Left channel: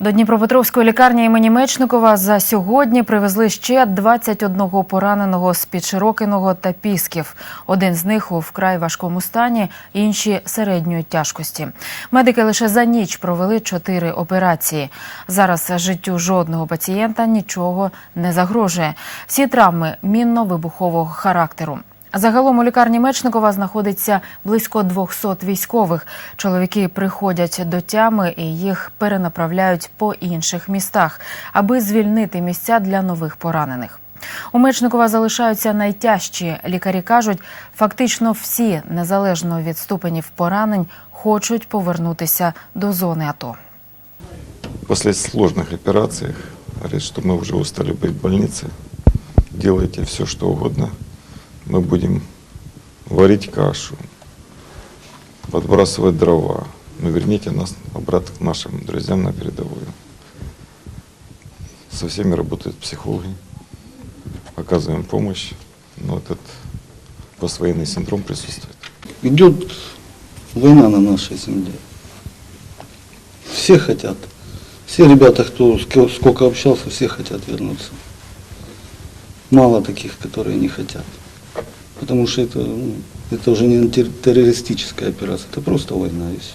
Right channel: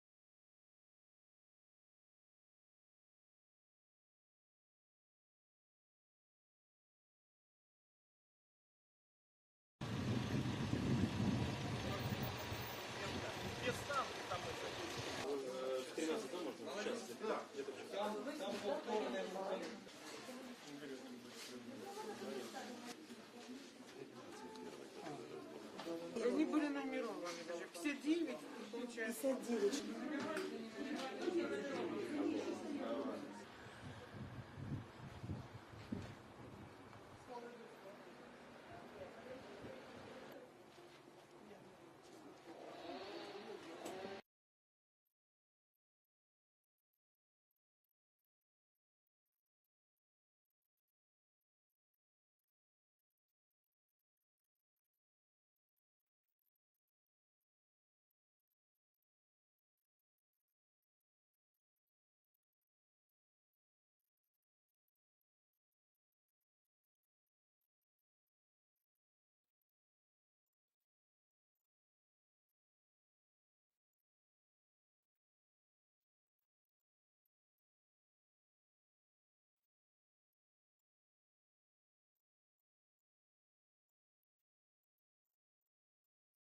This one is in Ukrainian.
До Дніпропетровської лікарні імені Мечникова за сьогодні привезли ще 21 пораненого з під Широкиного та Пісків. Один з них у вкрай важкому стані, інші середньої тяжкості. Медики лише за ніч провели чотири операції. Зараз життю жодного пацієнта нічого не загрожує. Всі травми мінно-вибухового характеру. Загалом у лікарні Мечникова знаходиться близько 200 військових. Чоловіки приходять до тями і їх перенаправляють по інших містах, аби звільнити місця для нових поранених. У Мечникова залишаються найтяжчі. Лікарі кажуть, фактично всі, незалежно від ступенів поранень, хочуть повернутися до зони АТО. После сложных операций говорит, что мы уже устали быть в больнице. Делайте все, что угодно. Мы будем варить кашу, подбрасывать дрова. Но верните нас обратно к нашим друзьям на передовую. Со всеми работают психологи, оказываем помощь. Но этот поствоенный синдром присутствует. Идет война на нашей земле. Все хотят. Все ребята, кто ск- сколько общался, все хотят вернуться. Мало таких, которые не хотят. Потому что это, ну, это уже не тер- террористическая операция, это просто война и все.